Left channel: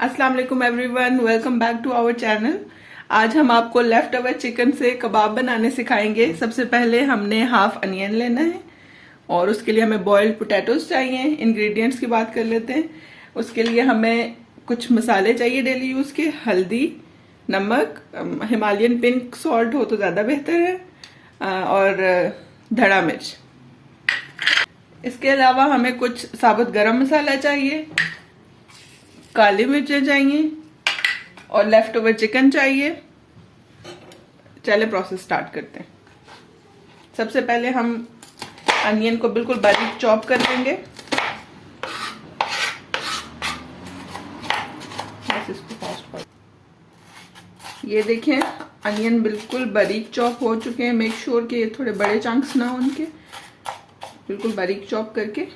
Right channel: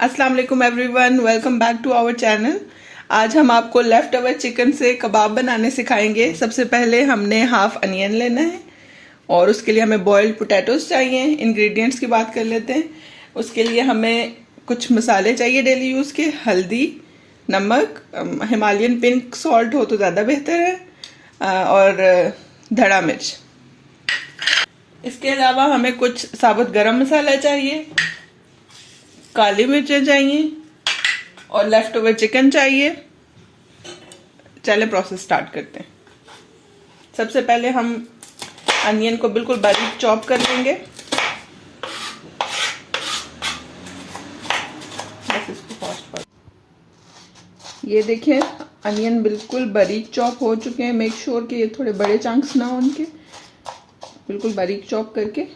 अस्सलाम वालेकुम everyone, welcome back to our channel. आज हम आपको लेफ्ट ओवर चिकन से कबाब बनाने सिखाएंगे। सबसे पहले हमने हाफ अनियन लेना है और उसके लिए हमें बॉइल्ड पोटैटोज चाहिए। इंग्रेडिएंट्स की बात कर लेते हैं। उसके लिए हमें कुछ मसाले चाहिए डेली यूज़ के, हल्दी, नमक, हिमालयन पिंक सॉल्ट हो तो ज़्यादा बेहतर है, और धड़ा मिर्च। इसके अलावा हमें कुछ साबुत गरम मसाला चाहिए, काली मिर्चें चाहिए और लेफ्ट ओवर चिकन चाहिए। चले प्रोसेस स्टार्ट करते हैं। सबसे पहले हम अनियन को बिल्कुल बारीक चॉप कर लेंगे। बस इसको फास्ट कर। ये देखिए अनियन बिल्कुल बारीक चॉप हो चुके हैं। मेक श्योर कि ये थोड़े बड़े चंक्स ना हो उनके, बिल्कुल बारीक चॉप करके।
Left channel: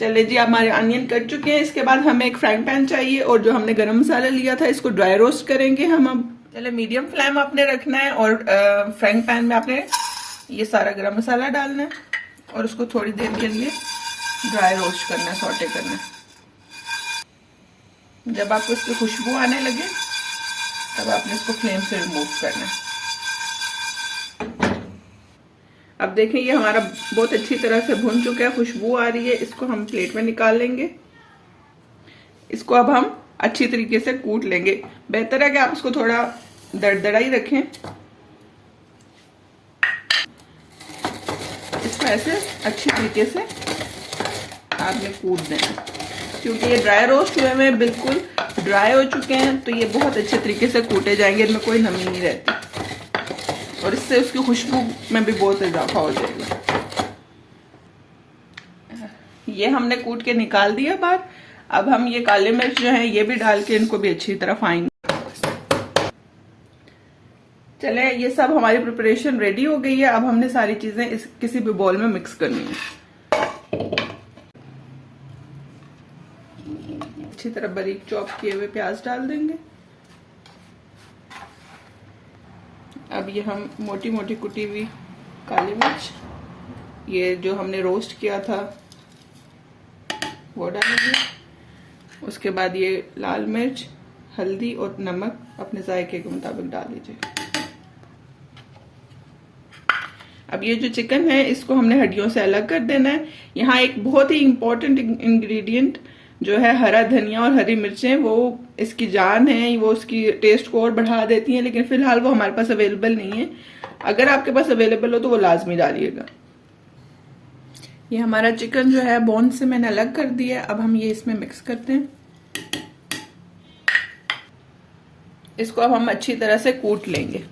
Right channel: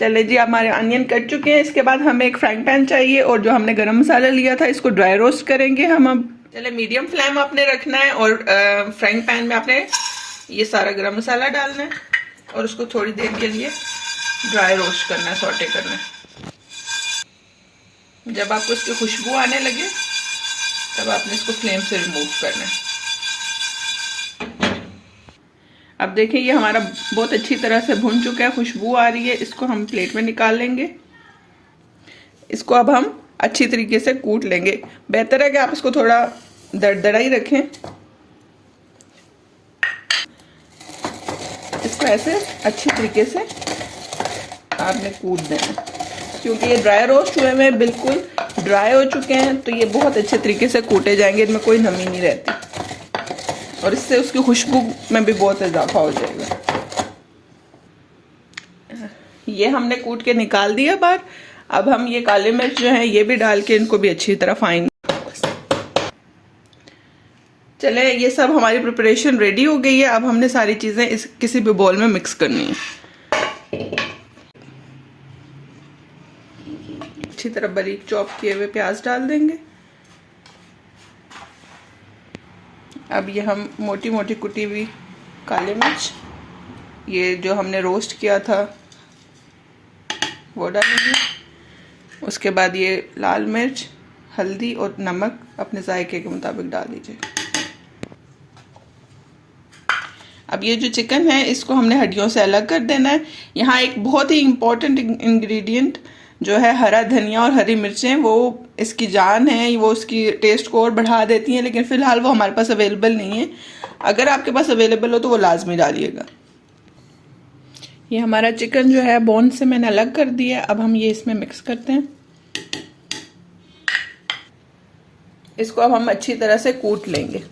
चले जी, हमारे अनियन कट चुके हैं। इसके बाद हमें एक फ्राइंग पैन चाहिए और जो हमने गरम मसाला लिया था इसको ड्राई रोस्ट करेंगे हम। अब चले, मीडियम फ्लेम आपने रखना है और फ्राइंग पैन में आपने ये सारा गरम मसाला डालना है और उसको थोड़ी देर के लिए ड्राई रोस्ट करना है, सौटे करना है। जब आपको इसकी खुशबू आने लगे तब आपने इसको फ्लेम से रिमूव करना है। अब देखिए ये हमारा बहुत अच्छी तरह से भुन चुका है, खुशबू आ रही है। इसको हम प्लेट में निकाल लेंगे। इसको अब हम अच्छी तरीके से कूट लेंगे। बेहतर है कि आप इसको थोड़ा दरदरा ही रखें। इसको ऐसे अच्छी तरीके से आपने कूट देना, क्योंकि ये ड्राई रोस्ट हुए हैं, बिल्कुल ड्राई हो चुके हैं, तो ये बहुत अच्छे तरीके से कूटे जाएंगे। इनमें कोई नमी नहीं रहती और इससे उसकी खुशबू में भी बहुत इजाफा हो जाएगा। ये हमने कूट के निकाल दिया बाहर। अब हम ये काले मिर्च जो है ये भी डाल के इनको भी अच्छी तरह फाइन। चले, ये सब हमारी प्रिपरेशन रेडी हो गई है। अब हमने सारी चीजें इस किसी भी बॉल में मिक्स करनी है। अच्छी तरह बारीक चॉप किए हुए प्याज डाल देंगे। अब ये हम मोटी मोटी कुटी हुई काली मिर्च, ये जो हमने रोस्ट किया था वो डालेंगे। उसके बाद ये लाल मिर्च, हल्दी और नमक अपने जायके के मुताबिक डाल दीजिए। अब ये जो चिकन है इसको हमने हड्डियों से अलग कर देना है। यहाँ एक बहुत ही इम्पोर्टेंट इंग्रेडिएंट जो है हरा धनिया और हरी मिर्चें, वो इसकी जान है, वो उसकी टेस्ट को और बढ़ा देती हैं, लेकिन फिलहाल वो हमारे पास अवेलेबल नहीं है। अगर आपके पास अवेलेबल हो तो वो लाजमी डालिएगा। ये हमारा चिकन जो है बोन से मैंने अलग कर दिया। अब हम ये इसमें मिक्स करते हैं। इसको अब हम अच्छी तरह से कूट लेंगे।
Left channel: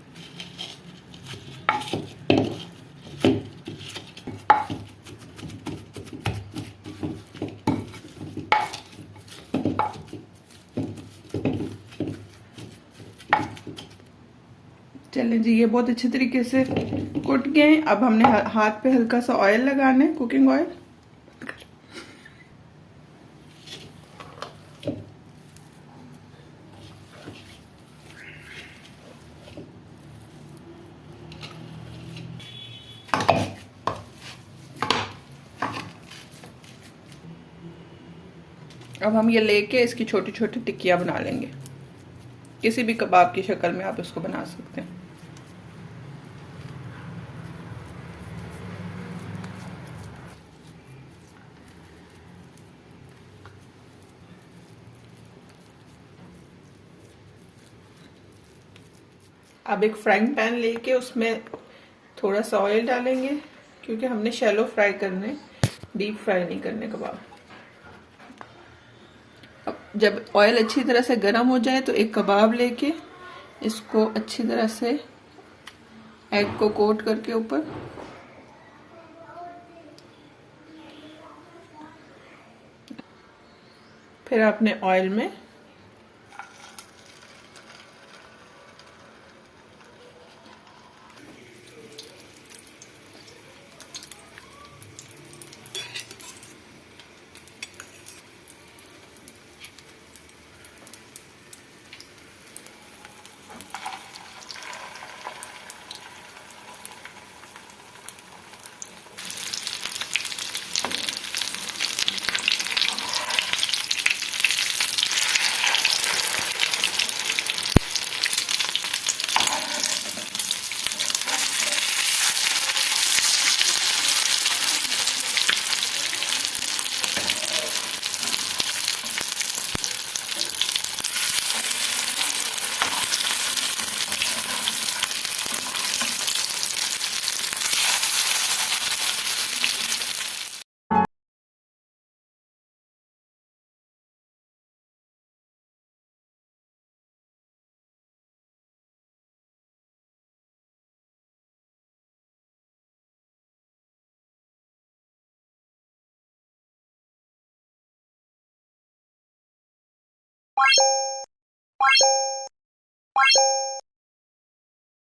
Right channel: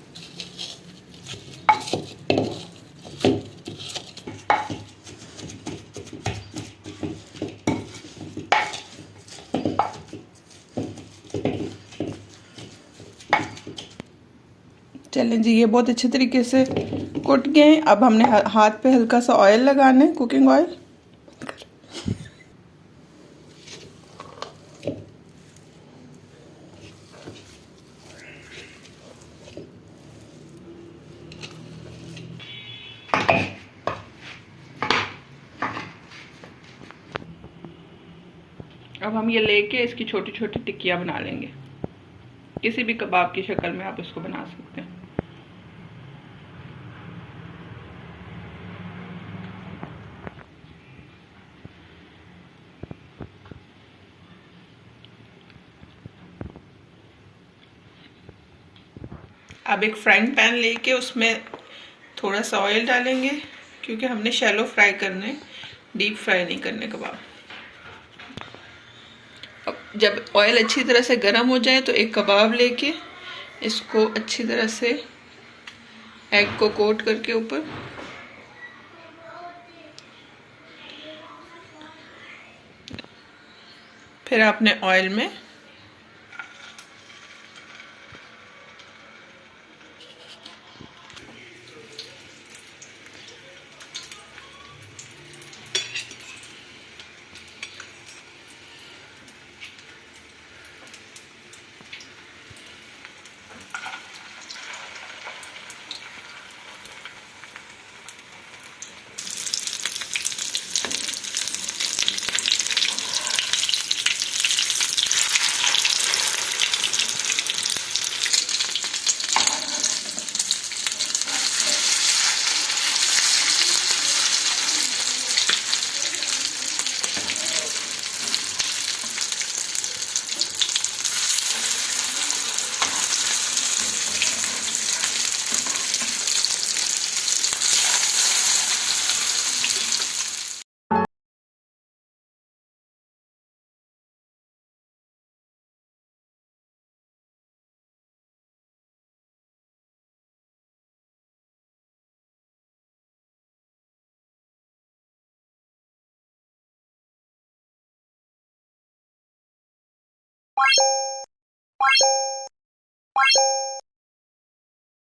चलें जी, ये बहुत अच्छे तरीके से कुट गए। अब हमने हाथ पे हल्का सा ऑयल लगाना है, कुकिंग ऑयल। अब हम ये लेके इसकी छोटी छोटी टिक्कियां बना लेंगे। किसी भी कबाब की शक्ल में आप इसको बना सकते हैं। अब एक फ्राइंग पैन लेके उसमें थोड़ा सा ऑयल डालेंगे, क्योंकि हमने शैलो फ्राई करने, डीप फ्राई नहीं करने कबाब। अब जब ऑयल अच्छी तरह से गर्म हो जाए तो एक कबाब लेके इसको अच्छी तरह से एग को कोट करके ऊपर, फिर आपने ऑयल में